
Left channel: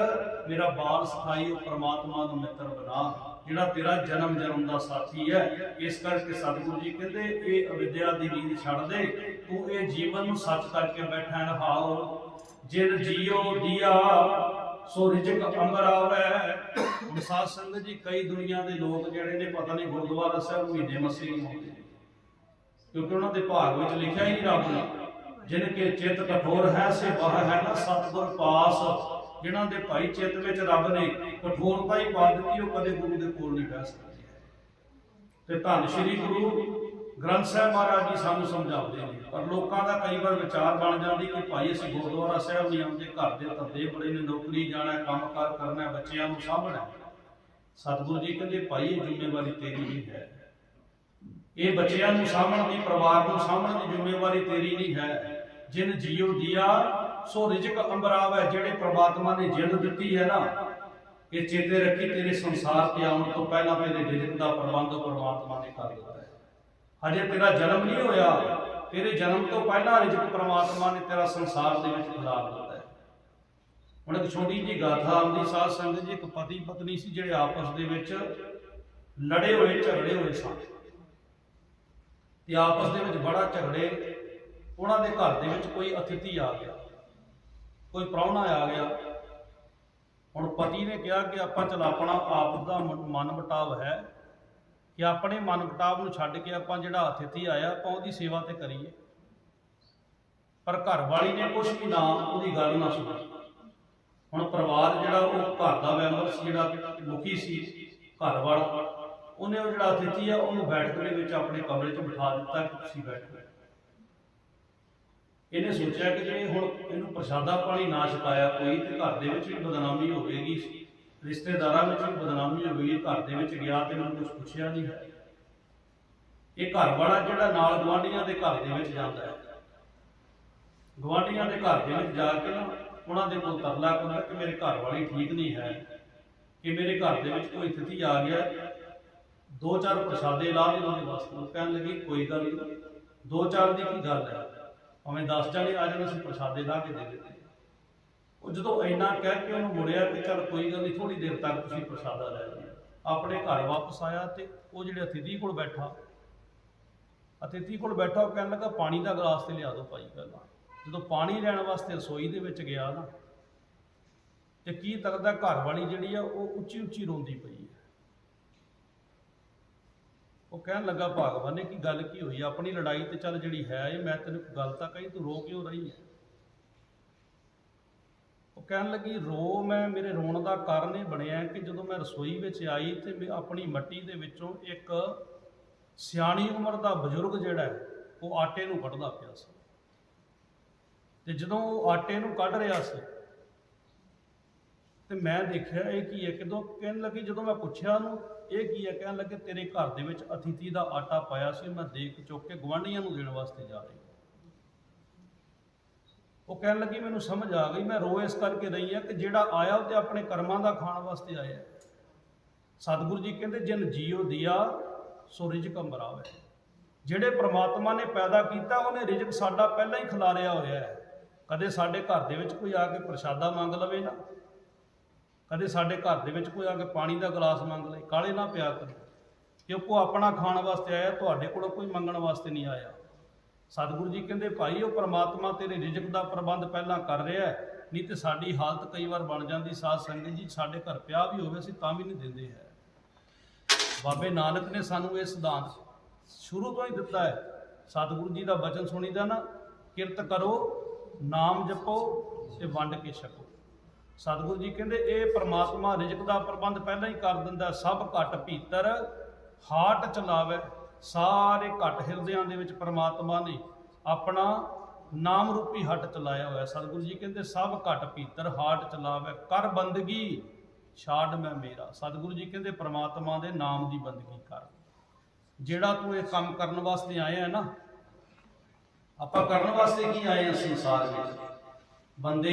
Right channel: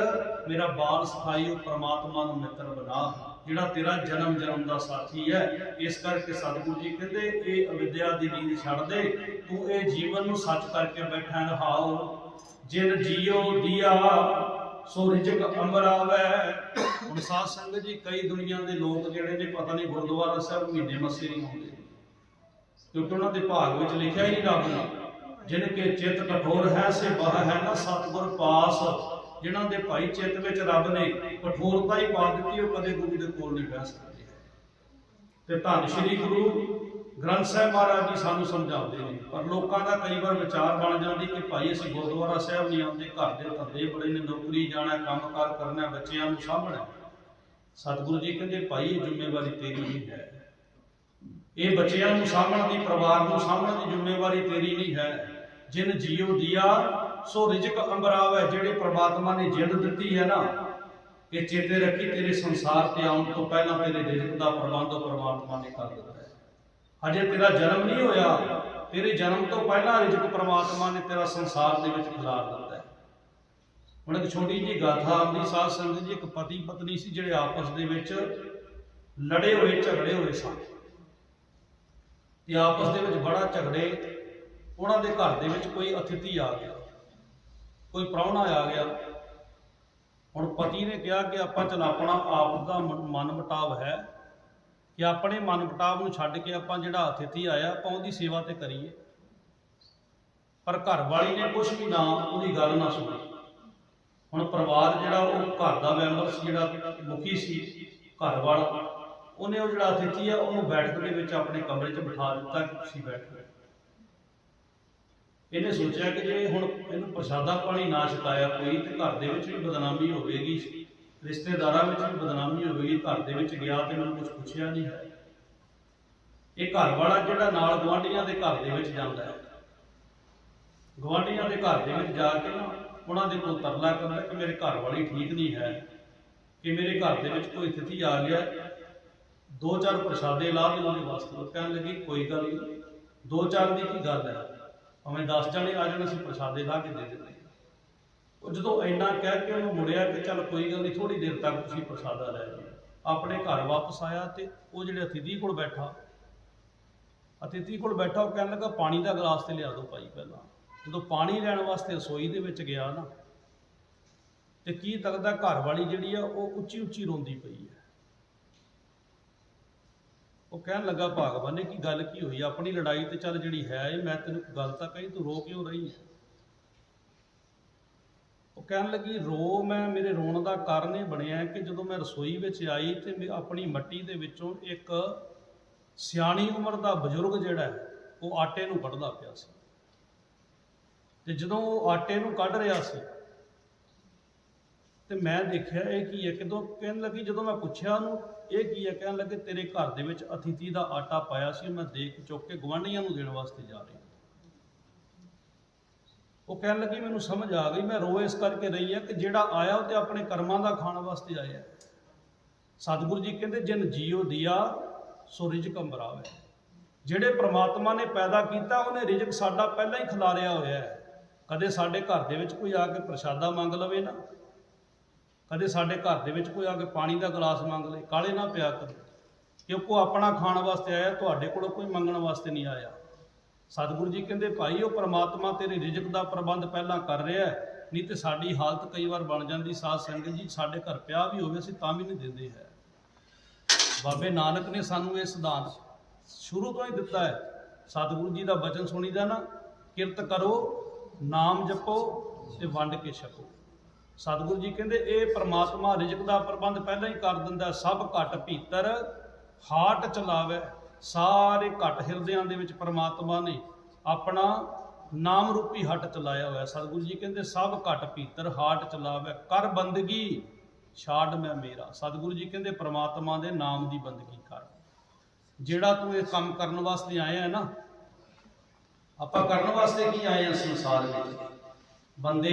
ਮੇਰਾ ਬਾਲ ਸਖਾਈ ਉਹ ਪ੍ਰਮਾਤਮਾ ਨੂੰ ਮਿੱਤਰ ਬਣਾ ਜਿਹੜਾ ਤੇਰਾ ਜਨਮ ਜਨਮ ਦਾ ਸਾਥੀ ਹੈ। ਇਸ ਕਰਕੇ ਸਤਿਗੁਰੂ ਜੀ ਕਹਿੰਦੇ, ਇਹ ਅਵਿਦਿਆ ਦੀ ਨੀਂਦ ਛੱਡ ਦੇ, ਤੂੰ ਇਹ ਜੀਵਨ ਨੂੰ ਸੱਚ ਕਰਕੇ ਬੈਠਾ ਰਹਾਓ ਜਿਨ ਜੀਓ ਦੀਆ, ਸੋ ਰਿਜਕ ਅੰਬਰ ਆਵੇ। ਹੁਣ ਸਾਧ ਸੰਗਤ ਜੀ, ਕਈ ਦੁਨੀਆ ਦੇ ਲੋਕ ਜਿਹੜੇ ਨੇ, ਪਤਾ ਨਹੀਂ ਗੁਰਦੁਆਰਾ ਸਾਹਿਬ ਮਹੀਨੇ ਮੱਸੇ ਨਹੀਂ ਆਉਂਦੇ। ਕਿਉਂਕਿ ਉਹਨਾਂ ਦੇ ਭਾਗ ਵਿੱਚ ਲਿਖਿਆ ਹੀ ਨਹੀਂ ਰੱਬ ਨੇ। ਜਿਨ ਕੇ ਚਿੱਤ ਕਠੋਰ ਹੈ, ਸੇ ਬਾਹ ਹੈ ਨਾ ਸਤਿਗੁਰ ਪਾਸ। ਜਿਨ੍ਹਾਂ ਦੇ ਭਾਈ ਚਿੱਤ ਵਿੱਚ ਰੱਬ ਨੇ ਕਠੋਰਤਾ ਹੀ ਪਾ ਦਿੱਤੀ, ਉਹ ਕਦੇ ਗੁਰੂ ਦੇ ਕੋਲ ਨਹੀਂ ਬਹਿ ਸਕਦੇ। ਤੇ ਧੰਨ ਸ਼੍ਰੀ ਗੁਰੂ ਗ੍ਰੰਥ ਸਾਹਿਬ ਮਹਾਰਾਜ ਜੀ ਸਾਨੂੰ ਸਮਝਾਉਂਦੇ ਨੇ, ਪਰ ਲੋਕਾਂ ਦਾ ਕਈ ਵਾਰ ਵਿਚਾਰ ਬਣ ਜਾਂਦੀ ਕਿ ਭਾਈ ਅਸੀਂ ਗੁਰਦੁਆਰਾ ਸਾਹਿਬ ਨਹੀਂ ਆਉਂਦੇ, ਘਰ ਦੇ ਧੰਦੇ ਬੜੇ ਨੇ, ਨੌਕਰੀ ਜਾਣਾ, ਕੰਮਕਾਰ ਕਰਨਾ, ਬੱਚਿਆਂ ਨੂੰ ਸਾਂਭਣਾ। ਸਤਿਗੁਰੂ ਜੀ ਕਹਿੰਦੇ, ਭਾਈ, ਇਹ ਜ਼ਿੰਮੇਵਾਰੀ ਤੇਰੀ ਨਹੀਂ ਹੈ। ਇਹ ਬੱਚਿਆਂ ਨੂੰ ਸਾਂਭਣ ਦੀ, ਪਰਿਵਾਰ ਨੂੰ ਸਾਂਭਣ ਦੀ ਜ਼ਿੰਮੇਵਾਰੀ ਤੇਰੀ ਨਹੀਂ ਹੈ। ਜਿਨ ਜੀਉ ਦਿਆ ਸੋ ਰਿਜਕ ਅੰਬਰਾਵ ਜਿਹੜੇ ਪ੍ਰਮਾਤਮਾ ਨੇ ਜਿੰਦ ਦਿੱਤੀ ਹੈ ਨਾ, ਇਹ ਚੇਤੇ ਰੱਖੀ ਤੇਰੇ ਸੰਸਾਰ ਤੇ ਆਉਣ ਤੋਂ ਪਹਿਲਾਂ ਤੇਰੇ ਰਿਜਕ ਦਾ ਪ੍ਰਬੰਧ ਪ੍ਰਮਾਤਮਾ ਨੇ ਕਰ ਦਿੱਤਾ ਹੈ। ਹਜੇ ਤੇਰਾ ਜਨਮ ਨਹੀਂ ਹੋਇਆ ਤੇਰੇ ਜਨਮ ਤੋਂ ਪਹਿਲਾਂ ਰਿਜਕ ਪ੍ਰਮਾਤਮਾ ਨੇ ਤੇਰਾ ਸੰਸਾਰ ਦੇ ਵਿੱਚ ਗੁਜ਼ਾਰ ਦਿੱਤਾ ਹੈ। ਹੁਣ ਇੱਕ ਛੋਟੀ ਜਿਹੀ ਗਾਥਾ ਆਉਂਦੀ ਸਾਧ ਸੰਗਤ ਜੀ, ਇੱਕ ਪਤੀ ਪਤਨੀ ਸੀ ਜਿਹੜੇ ਆਪਸ ਦੇ ਵਿੱਚ ਲੜੇ ਹੋਏ, ਝਗੜੇ ਹੋਏ ਸਨ। ਤੇ ਆਪਸ ਦੇ ਵਿੱਚ ਬੜਾ ਝਗੜੇ ਉਹਨਾਂ ਦੇ ਘਰ ਦੇ ਵਿੱਚ ਕੋਈ ਅਤਿਥੀ ਆ ਗਿਆ। ਕੋਈ ਪ੍ਰਾਹੁਣਾ ਆ ਗਿਆ। ਹੁਣ ਪਤੀ ਨੇ ਕਿਹਾ ਕਿ ਆਪਾਂ ਚਲ ਆਪਣਾ ਆਪ ਦਾ ਮਨ ਮਟਾਵ ਹੈ ਕਿ ਆਪਣੇ ਮਨ ਮਟਾਵ ਨੂੰ ਛੱਡ ਕੇ ਆਪਾਂ ਜਿਹੜਾ ਅਤਿਥੀ ਆਇਆ, ਆਪਾਂ ਉਹਦੀ ਸੇਵਾ ਤੇ ਕਰੀਏ। ਪਰ ਘਰ ਵਾਲੀ ਨੇ ਕੁਝ ਵੀ ਨਾ ਉਹਦੀ ਗੱਲ ਨਾ ਸੁਣੀ। ਹੁਣ ਪਰਿਵਾਰ ਜਿਹੜਾ ਉਹ ਘਰ ਦਾ ਮੈਂਬਰ ਸੀ, ਜਿਹੜਾ ਮੁਖੀ ਸੀ ਘਰ ਵਾਲਾ ਉਹਨੇ ਉਹ ਜਿਹੜਾ ਅਤਿਥੀ ਆ, ਉਹਨੂੰ ਬੈਠਕ ਦੇ ਵਿੱਚ ਆਪਣੇ ਕਮਰੇ 'ਚ ਬਿਠਾ ਦਿੱਤਾ ਕਿ ਤੁਸੀਂ ਬੈਠੋ। ਇਹਨੇ ਸੋਚਿਆ ਕਿ ਜੇ ਹੁਣ ਇਹਨੂੰ ਪ੍ਰਸ਼ਾਦਾ ਪਾਣੀ ਨਾ ਛਕਾਇਆ ਕੋਈ, ਤੇ ਘਰ ਦੇ ਵਿੱਚ ਵੀ ਬਦਨਾਮੀ ਹੋਵੇਗੀ। ਰਿਸ਼ਤੇਦਾਰਾਂ ਵਿੱਚ ਵੀ ਬਦਨਾਮੀ ਹੋਵੇਗੀ, ਘਰ ਦੇ ਵਿੱਚ ਗਿਆ ਤੇ ਮੈਨੂੰ ਕੁਝ ਪੁੱਛਿਆ ਨਹੀਂ ਹੈ। ਇਹ ਘਰ ਵਾਲਾ ਜਿਹੜਾ ਨਾਲ ਗਵਾਂਢੀਆਂ ਦੇ ਘਰ ਦੇ ਵਿੱਚ ਜਾਂਦਾ ਹੈ। ਗਵਾਂਢੀਆਂ ਦੇ ਘਰ ਦੇ ਵਿੱਚ ਜਾ ਕੇ ਨਾ ਉਹਨਾਂ ਦੇ ਕੋਲ ਤਰਲਾ ਕਰਦਾ ਕਿ ਮੇਰੇ ਘਰ ਵਾਲੀ ਠੀਕ ਨਹੀਂ ਹੈ, ਕਿ ਮੇਰੇ ਘਰ ਦੇ ਵਿੱਚ ਕੋਈ ਸਥਿਤੀ ਆ ਗਿਆ ਦੋ ਚਾਰ ਪ੍ਰਸ਼ਾਦੇ ਲਾ ਦੇ ਉਹਦੇ ਵਾਸਤੇ ਉਹ ਕਹਿਣ ਲੱਗੀ, ਕੋਈ ਗੱਲ ਨਹੀਂ। ਦੋ ਚਾਰ ਦੀ ਕੀ ਗੱਲ ਹੈ? ਭਾਵੇਂ 10 ਜਣੇ ਆ ਜਾਣ, ਅਸੀਂ ਪ੍ਰਸ਼ਾਦੇ ਲਾ ਕੇ ਦੇ ਦਿੰਦੇ ਉਹ ਜਦੋਂ ਇੰਨਾ ਕਹਿ ਕੇ ਉਹਨੂੰ ਮੁੜਿਆ ਕਿ ਚੱਲ ਕੋਈ ਗੱਲ ਨਹੀਂ ਥੋੜੀ ਦੇਰ ਤੱਕ ਤੁਸੀਂ ਪ੍ਰਸ਼ਾਦਾ ਲੈ ਜਾਓ ਆਪਣੇ ਘਰ ਵਾਪਸ ਆਇਆ ਤੇ ਉਹ ਜਿਹੜੇ ਅਤਿਥੀ ਕੋਲ ਬੈਠਾ, ਅਤਿਥੀ ਕੋਲ ਬੈਠਾ, ਉਹ ਕਹਿਣ ਲੱਗਾ, ਪਾਣੀ ਦਾ ਗਲਾਸ ਤੇ ਲਿਆ ਦਿਓ ਭਾਈ ਪਹਿਲਾਂ। ਜਦੋਂ ਪਾਣੀ ਲੈਣ ਵਾਸਤੇ ਰਸੋਈ ਦੇ ਵਿੱਚ ਗਿਆ ਨਾ, ਤੇ ਕੀ ਤੱਕਦਾ ਘਰ ਵਾਲੀ ਜਿਹੜੀ ਆ, ਉਹ ਉੱਚੀ ਉੱਚੀ ਰੋਂਦੀ ਪਈ ਹੈ। ਉਹ ਕਹਿਣ ਲੱਗਾ, ਭਗਵਾਨ ਨੇ ਕੀ ਗੱਲ ਕੀ ਹੋਈ? ਆਪਣੀ ਲੜਾਈ ਤੇ ਚੱਲ ਜਿਹੜੀ ਹੈ ਇਹ, ਮੈਂ ਤੈਨੂੰ ਗੱਲ ਤਾਂ ਕਹੀ, ਤੂੰ ਰੋ ਕਿਉਂ ਰਹੀ ਹੈ? ਉਹ ਕਹਿਣ ਲੱਗੀ, ਰੋ, ਮੈਂ ਮੇਰੇ ਰੋਣ ਦਾ ਕਾਰਨ ਇਹ ਬਣਿਆ ਕਿ ਜਦੋਂ ਮੈਂ ਰਸੋਈ ਵਿੱਚ ਆਈ ਤੇ ਮੈਂ ਆਪਣੀ ਮੱਟੀ ਦੇ ਵਿੱਚੋਂ ਇੱਕ ਸਿਆਣੀ ਉਮਰ ਦਾ ਬਜ਼ੁਰਗ ਜਿਹੜਾ ਹੈ, ਉਹ ਆਟੇ ਨੂੰ ਕੱਢਦਾ ਪਿਆ ਸੀ। ਤੇ ਜਦੋਂ ਉਹ ਆਟੇ ਨੂੰ ਕੱਢ ਰਿਹਾ ਸੀ ਤੇ ਮੈਂ ਦੇਖਿਆ ਇਹ ਕੀ ਹੈ, ਕਿਦੋਂ ਕਹਿਣ ਲੱਗੀ, ਜਦੋਂ ਮੈਂ ਪੁੱਛਿਆ ਉਹਨੂੰ ਇਹ ਕੀ ਹੈ ਕਹਿਣ ਲੱਗੇ, ਤੇਰੇ ਘਰ ਦੇ ਵਿੱਚ ਅਤਿਥੀ ਦਾ ਆਟਾ ਪਾਇਆ ਸੀ, ਮੈਂ ਦੇਖ ਚੁੱਕ ਕੇ ਗਵਾਂਢੀਆਂ ਨੂੰ ਦੇਣ ਵਾਸਤੇ ਜਾ ਰਹੀ। ਉਹ ਕਹਿਣ ਲੱਗੀ, ਮੈਨੂੰ ਸਮਝ ਆ ਗਈ, ਮੈਂ ਰੋ ਇਸ ਕਰਕੇ ਰਹੀ ਆ ਕਿ ਜਿਹੜਾ ਆਇਆ, ਉਹ ਤੇ ਆਪਣੇ ਕਰਮਾਂ ਦਾ ਖਾਣ ਵਾਸਤੇ ਆਇਆ। ਸਤਿਗੁਰੂ ਜੀ ਕਹਿੰਦੇ, ਜਿਨ ਜੀਉ ਦਿਆ, ਸੋ ਰਿਜਕ ਅੰਬਰਾਵੇ ਜਿਹੜੇ ਪ੍ਰਮਾਤਮਾ ਨੇ ਪੈਦਾ ਕੀਤਾ, ਉਹਨੇ ਰਿਜਕ ਸਾਡਾ ਪਹਿਲਾਂ ਹੀ ਖਿਲਾਰਿਆ ਹੋਇਆ ਹੈ। ਕਦੇ ਸਾਡੇ ਘਰ ਦੇ ਵਿੱਚ ਕੋਈ ਆ ਕੇ ਪ੍ਰਸ਼ਾਦਾ ਮੰਗ ਲਵੇ ਨਾ। ਕਦੇ ਸਾਡੇ ਘਰ ਦੇ ਵਿੱਚ ਕੋਈ ਆ ਕੇ ਪਾਣੀ ਦਾ ਗਲਾਸ ਮੰਗ ਲੇ ਕਾਲੇ ਨਾ ਪਿਆ ਕਰੋ। ਕਿਉਂਕਿ ਉਹ ਆਪਣਾ ਖਾਣ ਵਾਸਤੇ ਆਇਆ, ਤੁਹਾਡੇ ਕੋਲੋਂ ਕੋਈ ਮੰਗਣ ਵਾਸਤੇ ਨਹੀਂ ਆਇਆ। ਸਤਿਗੁਰੂ ਜੀ ਕਹਿੰਦੇ, ਭਾਈ, ਉਹ ਪ੍ਰਮਾਤਮਾ ਤੇਰੇ ਰਿਜ਼ਕ ਦਾ ਪ੍ਰਬੰਧ ਪਹਿਲਾਂ ਕਰ ਰਿਹਾ ਨਹੀਂ ਤੇ ਸਾਡੀ ਹਾਲਤ ਕਈ ਵਾਰ ਬਣ ਜਾਂਦੀ। ਸਾਧ ਸੰਗਤ ਜੀ, ਸਾਡੇ ਘਰ ਪਿਆ ਵੀ ਹੋਵੇ, ਅਸੀਂ ਤਾਂ ਵੀ ਨਹੀਂ ਦਿੰਦੇ ਹੈ। ਬਾਬੇ ਨਾਨਕ ਨੇ ਸਾਨੂੰ ਇਹ ਸਿਧਾਂਤ ਸ਼ੁਰੂ ਤੋਂ ਹੀ ਦਿੱਤਾ ਹੈ। ਸਤਿਗੁਰੂ ਜੀ ਦਾ ਬਚਨ ਸੁਣੀਦਾ ਨਾ, ਕਿਰਤ ਕਰੋ, ਨਾਮ ਜਪੋ ਤੇ ਵੰਡ ਕੇ ਛਕੋ। ਸਤਿਗੁਰੂ ਜੀ ਕਹਿੰਦੇ, ਇਹ ਪ੍ਰਮਾਤਮਾ ਰਿਜ਼ਕ ਦਾ ਪ੍ਰਬੰਧ ਪਹਿਲਾਂ ਹੀ ਕਰ ਦਿੰਦਾ, ਸਭ ਘਟ ਭੀਤਰ ਹਾਟ ਚਲਾਵੇ। ਸਾਰੇ ਘਟ ਹਿਰਦਿਆਂ ਦੇ ਵਿੱਚ ਪ੍ਰਮਾਤਮਾ ਨੇ ਆਪਣਾ ਨਾਮ ਰੂਪੀ ਹੱਟ ਚਲਾਇਆ ਹੋਇਆ। ਸਤਿਗੁਰੂ ਜੀ ਕਹਿੰਦੇ, ਸਭ ਘਟ ਭੀਤਰ ਹਾਟ ਚਲਾਵੇ। ਕਰ ਬੰਦਗੀ, ਛਾੜ ਮੈਂ ਮੇਰਾ। ਸਤਿਗੁਰੂ ਜੀ ਕਹਿੰਦੇ, ਪ੍ਰਮਾਤਮਾ ਦੇ ਨਾਮ ਦੀ ਬੰਦਗੀ ਕਰ। ਜਿਹੜਾ ਤੂੰ ਇਹ ਕੰਮ ਕਰਨ ਵਾਸਤੇ ਆਇਆ ਹੈ ਨਾ, ਆਪਾਂ ਕਰਨ ਵਾਸਤੇ ਕੀ ਆਏ ਹਾਂ ਸੰਸਾਰ ਵਿੱਚ? ਬੰਦੇ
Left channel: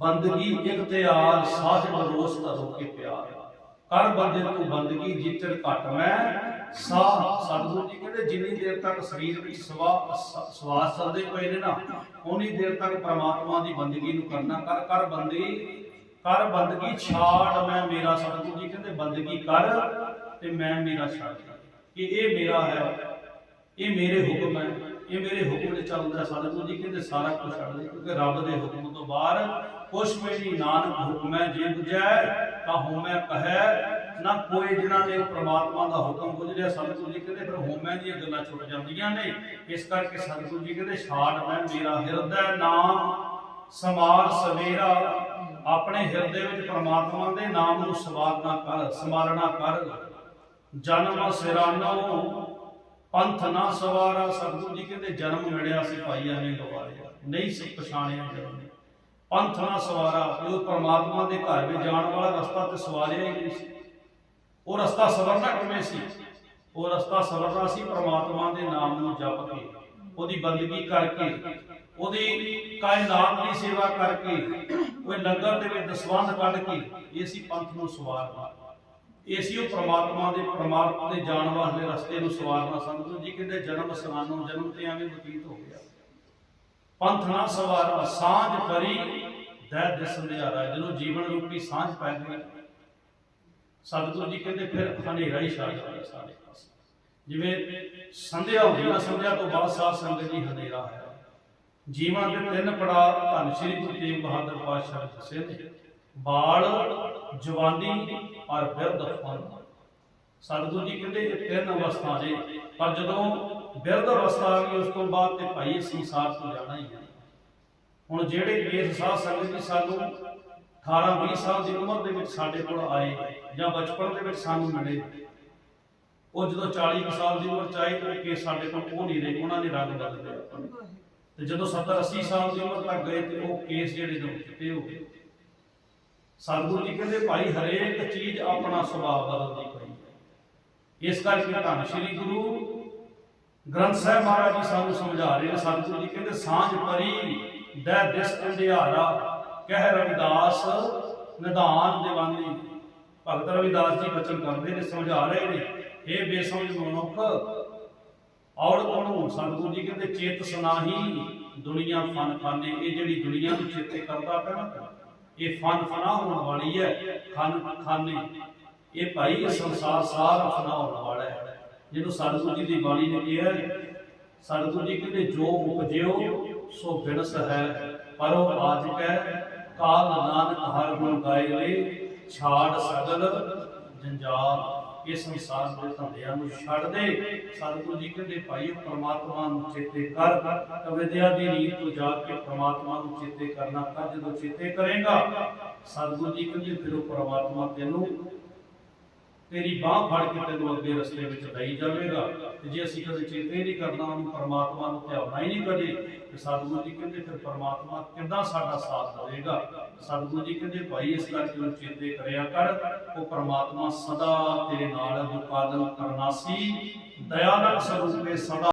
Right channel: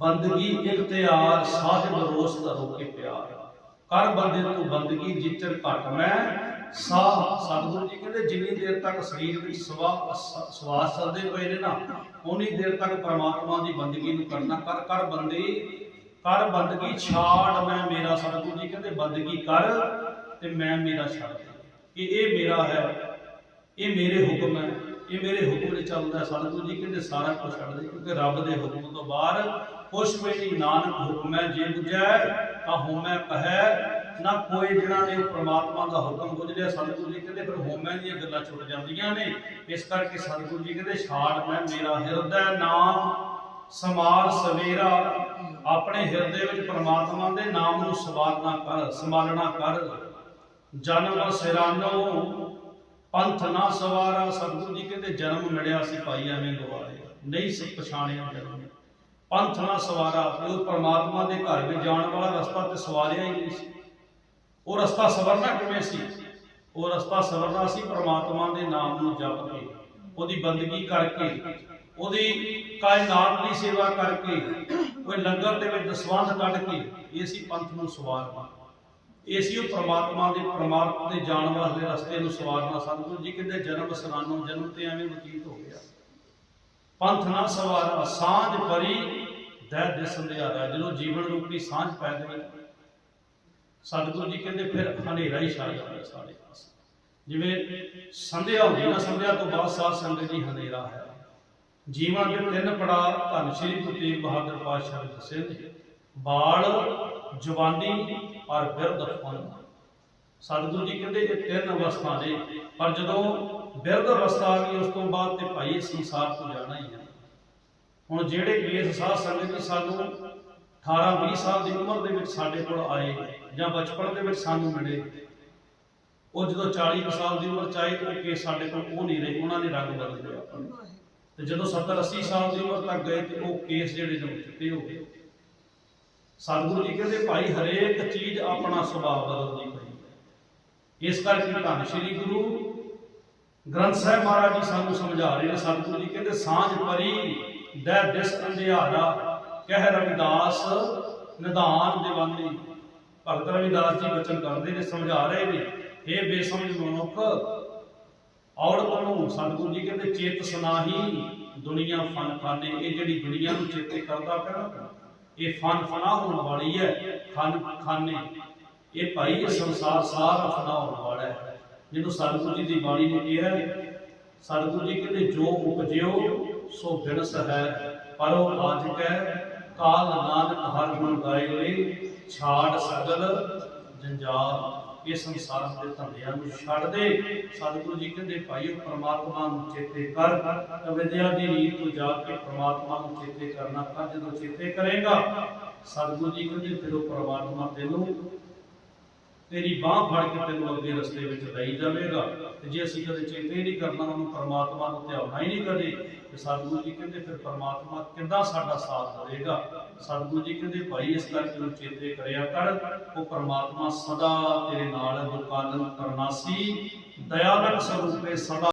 ਬੰਦਗੀ ਇਖਤਿਆਰ ਸਾਹਿਬ ਰੋਸ ਧਰੋ ਕੇ ਪਿਆਰ। ਕਰ ਬੰਦੇ ਤੂੰ ਬੰਦਗੀ ਜਿੱਤਰ ਘਟ ਮੈਂ ਸਾਹ। ਸਤਿਗੁਰੂ ਜੀ ਕਹਿੰਦੇ, ਜਿੰਨੀ ਦੇਰ ਤੱਕ ਸਰੀਰ ਵਿੱਚ ਸਵਾਸ ਚੱਲਦੇ ਪਏ ਨੇ ਨਾ ਉਨੀ ਦੇਰ ਤੱਕ ਪ੍ਰਮਾਤਮਾ ਦੀ ਬੰਦਗੀ ਨੂੰ ਕਰਨਾ। ਕਰ ਕਰ ਬੰਦੇ, ਕਰ ਬੰਦਗੀ ਛਾੜ। ਮੈਂ ਮੇਰਾ, ਸਤਿਗੁਰੂ ਜੀ ਕਹਿੰਦੇ, ਬੰਦਗੀ ਕਰ ਤੇ ਮੈਂ ਮੇਰਾ ਛੱਡ ਕਿ ਇਹ ਮੇਰਾ ਹੈ, ਇਹ ਮੇਰੇ ਹੁਕਮ ਹੈ, ਇਹ ਮੇਰੇ ਹੁਕਮ ਦੇ ਚੱਲਦਾ ਸਤਿਗੁਰੂ ਜੀ ਕਹਿੰਦੇ, ਸਾਰਾ ਕੁਝ ਛੱਡ ਦੇ, ਕਿਉਂਕਿ ਰੱਬ ਦੇ ਹੁਕਮ ਤੋਂ ਬਾਹਰ ਕੁਛ ਵੀ ਨਹੀਂ ਨਾਨਕ ਹੁਕਮ ਹੈ, ਜੇ ਬੁਝੈ ਤਾਂ ਹੋਮੈ ਕਹੈ। ਨਾ ਕੋਈ ਜਿਨ੍ਹਾਂ ਨੇ ਪ੍ਰਮਾਤਮਾ ਦਾ ਹੁਕਮ ਬੁਝ ਸਤਿਗੁਰੂ ਜੀ ਕਹਿੰਦੇ, ਫਿਰ ਹੋਮੈ ਦੀਆਂ ਗੱਲਾਂ ਛੁੱਟ ਜਾਂਦੀਆਂ ਨੇ। ਇਸ ਕਰਕੇ ਸਤਿਗੁਰੂ ਜੀ ਕਹਿੰਦੇ, ਛਾੜ ਮੈਂ ਮੇਰਾ ਹਿਰਦੈ ਨਾਮ, ਸਮਾਰ ਸਵੇਰਾ। ਆਪਣੇ ਹਿਰਦੇ ਵਿੱਚ ਪ੍ਰਮਾਤਮਾ ਦੇ ਨਾਮ ਨੂੰ ਸਵਾਰਨਾ ਕਰ ਸੰਭਾਲਣਾ ਕਰ। ਜਨਮ ਸਿਰਾਨੋ, ਪੰਥ ਨਾ ਸਵਾਰਾ। ਸਤਿਗੁਰੂ ਜੀ ਕਹਿੰਦੇ, ਜਨਮ ਮਿਲਿਆ ਸੀ ਭਾਈ ਐਵੇਂ ਗਵਾਰਿਆ। ਨਹੀਂ ਸੀ ਪਛਾਣਿਆ ਜਨਮ। ਪੰਥ ਨਾ ਸਵਾਰਾ ਇਹ ਉਹ ਪਰਮਾਤਮਾ ਦੇ ਘਰ ਵਿੱਚ ਜਾਣ ਵਾਲਾ ਰਸਤਾ ਤੇ ਸਵਾਰਿਆ ਹੀ ਨਹੀਂ ਸੀ। ਉਹ ਰਸਤਾ ਸਵਰਨਾ ਕਿਵੇਂ ਸੀ? ਉਹ ਰਸਤਾ ਸਵਰਨਾ ਸੀ ਪਰਮਾਤਮਾ ਦੇ ਨਾਮ ਨੂੰ ਜਪ ਕੇ, ਉਹਦੀ ਬੰਦਗੀ ਕਰਕੇ, ਉਹਦੀ ਕਾਇਨਾਤ ਦੀ ਸੇਵਾ ਕਰਕੇ, ਉਹ ਲੰਗਰ ਦੇ ਵਿੱਚ ਦਸਵੰਧ ਕੱਢ ਕੇ, ਇਹ ਸੀ ਪੰਥ ਨੂੰ ਸਵਾਰਨਾ। ਇਹ ਸੀ ਉਹ ਪ੍ਰਮਾਤਮਾ ਦੇ ਪਰਮਾਤਮਾ ਦੇ ਜਾਣ ਵਾਲੇ ਰਸਤੇ ਨੂੰ ਸਵਾਰਨਾ। ਸਤਿਗੁਰੂ ਜੀ ਕਹਿੰਦੇ, ਜਨਮ ਸਨਾਨੋਂ, ਜਨਮ ਤੇ ਐਵੇਂ ਬਤੀਤ ਹੋ ਗਿਆ। ਪੰਥ ਨਾ ਸਵਾਰਾ ਸਾਂਝ ਪਰੀ ਦੈ ਦਿਸ ਅੰਧਿਆਰਾ ਜਦੋਂ ਜੀਵਨ ਰੂਪੀ ਸਾਂਝ ਪੈ ਗਈ। ਸਤਿਗੁਰੂ ਜੀ ਕਹਿੰਦੇ, ਫਿਰ ਹਨੇਰਾ ਹੀ ਛਾ ਜਾਂਦਾ ਸਾਰੇ ਪਾਸੇ। ਜਿਵੇਂ ਸੰਧਿਆ ਹੁੰਦੀ ਨਾ, ਸੰਧਿਆ ਤੋਂ ਬਾਅਦ ਸਾਧ ਸੰਗਤ ਜੀ ਹਨੇਰਾ ਹੈ। ਜੀਵਨ ਦੇ ਤਿੰਨ ਪੜਾਅ ਧੰਨ ਸ਼੍ਰੀ ਗੁਰੂ ਤੇਗ ਬਹਾਦਰ ਪਾਤਸ਼ਾਹ ਨੇ ਦੱਸੇ ਨੇ। ਬਾਲ, ਜਵਾਨੀ ਔਰ ਬਿਰਧ ਫਨ ਸਤਿਗੁਰੂ ਜੀ ਕਹਿੰਦੇ ਇਹ ਤਿੰਨ ਅਵਸਥਾ ਨੇ, ਪਰ ਜਦੋਂ ਬਿਰਧ ਅਵਸਥਾ ਆ ਗਈ, ਉਸ ਤੋਂ ਬਾਅਦ ਤੇ ਭਾਈ ਇਸ ਸੰਸਾਰ ਤੋਂ ਜਾਣਾ ਹੀ ਹੈ ਹੁਣ ਜਿਹੜੇ ਕੇਸ ਸਾਧ ਸੰਗਤ ਜੀ ਸਾਨੂੰ 18 20 ਸਾਲ ਦੀ ਉਮਰ ਦੇ ਵਿੱਚ ਸਾਡੇ ਕੋਲ ਆਏ ਜਾਂ ਬਚਪਨ ਦੇ ਵਿੱਚ ਸਾਨੂੰ ਮਿਲੇ, ਉਹ ਜਦੋਂ 40 ਕੁ ਸਾਲ ਦੀ ਉਮਰ ਚ ਆਏ ਤਾਂ ਉਹ ਕੇਸ ਸਾਡੇ ਕੋਲ ਉਹ ਨਹੀਂ ਰਹੇ, ਉਹਨਾਂ ਨੇ ਰੰਗ ਬਦਲ ਲਿਆ ਤੇ ਜਦੋਂ 70 80 ਸਾਲ ਦੀ ਉਮਰ ਤੱਕ ਗਏ ਤੇ ਉਹ ਕੇਸ ਜਿਹੜੇ ਨੇ ਉਹ ਚਿੱਟੇ ਹੋ ਗਏ। ਸਤਿਗੁਰੂ ਜੀ ਕਹਿੰਦੇ, ਭਾਈ ਹਰੇਕ ਚੀਜ਼ ਆਪਣਾ ਸੁਭਾਅ ਬਦਲਦੀ ਇਸ ਕਰਕੇ ਧੰਨ ਸ਼੍ਰੀ ਗੁਰੂ ਗ੍ਰੰਥ ਸਾਹਿਬ ਮਹਾਰਾਜ ਜੀ ਸਾਨੂੰ ਸਮਝਾ ਰਹੇ ਨੇ, ਸਤਿਗੁਰੂ ਜੀ ਕਹਿੰਦੇ, ਸਾਂਝ ਪਰੀ, ਦੈ ਦਿਸ ਅੰਧਿਆਰਾ, ਕਹਿ ਰਵਿਦਾਸ, ਨਿਧਾਨ ਦੀਵਾਨੀ। ਭਗਤ ਰਵਿਦਾਸ ਜੀ ਬਚਨ ਕਰਦੇ ਨੇ, ਸਮਝਾ ਰਹੇ ਨੇ ਇਹ ਬੇਸਮਝ ਮਨੁੱਖ, ਔੜ ਕੋਲੋਂ ਸਤਿਗੁਰੂ ਜੀ ਕਹਿੰਦੇ, ਚੇਤ ਸਨਾਹੀ, ਦੁਨੀਆ ਫਨ ਖਾਨੇ। ਇਹ ਜਿਹੜੀ ਦੁਨੀਆ ਨੂੰ ਚੇਤੇ ਕਰਦਾ ਪਿਆ ਇਹ ਫਨ ਫਨਾ ਹੋਣ ਵਾਲੀ ਹੈ, ਖਨ ਖਾਨੇ। ਇਹ ਭਾਈ ਸੰਸਾਰ ਸਾਰਾ ਫਨਾ ਹੋਣ ਵਾਲਾ ਹੈ। ਜਿਹਨੂੰ ਸਤਿਗੁਰੂ ਜੀ ਦੀ ਬਾਣੀ ਨੇ ਕਿਹਾ ਹੈ, ਸਤਿਗੁਰੂ ਜੀ ਕਹਿੰਦੇ ਜੋ ਉਪਜਿਓ ਸੋ ਬਿਨਸ ਹੈ। ਪਰ ਆਜ ਕੈ ਕਾਲ ਨਾਨਕ ਹਰ ਗੁਣ ਗਾਏ ਲਈ ਛਾੜ ਸਗਲ ਜੰਜਾਲ। ਇਹ ਸੰਸਾਰ ਦੇ ਧੰਦਿਆਂ ਨੂੰ ਛੱਡ ਦੇ। ਸਤਿਗੁਰੂ ਜੀ ਕਹਿੰਦੇ ਭਾਈ ਉਹ ਪ੍ਰਮਾਤਮਾ ਨੂੰ ਚੇਤੇ ਕਰ। ਤਾਂ ਦੀ ਨੀਤ ਤੋਂ ਜਾ ਕੇ ਪ੍ਰਮਾਤਮਾ ਨੂੰ ਚੇਤੇ ਕਰਨਾ ਕਰ ਜਦੋਂ ਚੇਤੇ ਕਰੇਗਾ ਸਤਿਗੁਰੂ ਜੀ ਕਹਿੰਦੇ ਫਿਰ ਉਹ ਪ੍ਰਮਾਤਮਾ ਤੈਨੂੰ ਤੇਰੀ ਬਾਹ ਫੜ ਕੇ ਤੈਨੂੰ ਅੱਗੇ ਰਸਤੇ ਵਿੱਚ ਲਈ ਜਾਵੇਗਾ। ਤੇ ਜੇ ਅਸੀਂ ਕਦੇ ਚੇਤੇ ਨਹੀਂ ਕਰਨਾ, ਉਹਨੂੰ ਪ੍ਰਮਾਤਮਾ ਨੂੰ ਧਿਆਉਣਾ ਹੀ ਨਹੀਂ ਕਦੇ, ਤੇ ਸਤਿਗੁਰੂ ਜੀ ਕਹਿੰਦੇ, ਫਿਰ ਪ੍ਰਮਾਤਮਾ ਕਿੱਦਾਂ ਸਾਡਾ ਸਾਥ ਦੇਵੇਗਾ? ਸਤਿਗੁਰੂ ਜੀ ਕਹਿੰਦੇ, ਭਾਈ, ਇਸ ਕਰਕੇ ਨੂੰ ਚੇਤੇ ਕਰਿਆ ਕਰ। ਉਹ ਪ੍ਰਮਾਤਮਾ ਸਦਾ ਤੇਰੇ ਨਾਲ ਹੈ। ਜੋ ਕਾਲਨ ਕਰਨਾਸੀ ਦਇਆਲਕ ਸਰੂਪੇ ਸਦਾ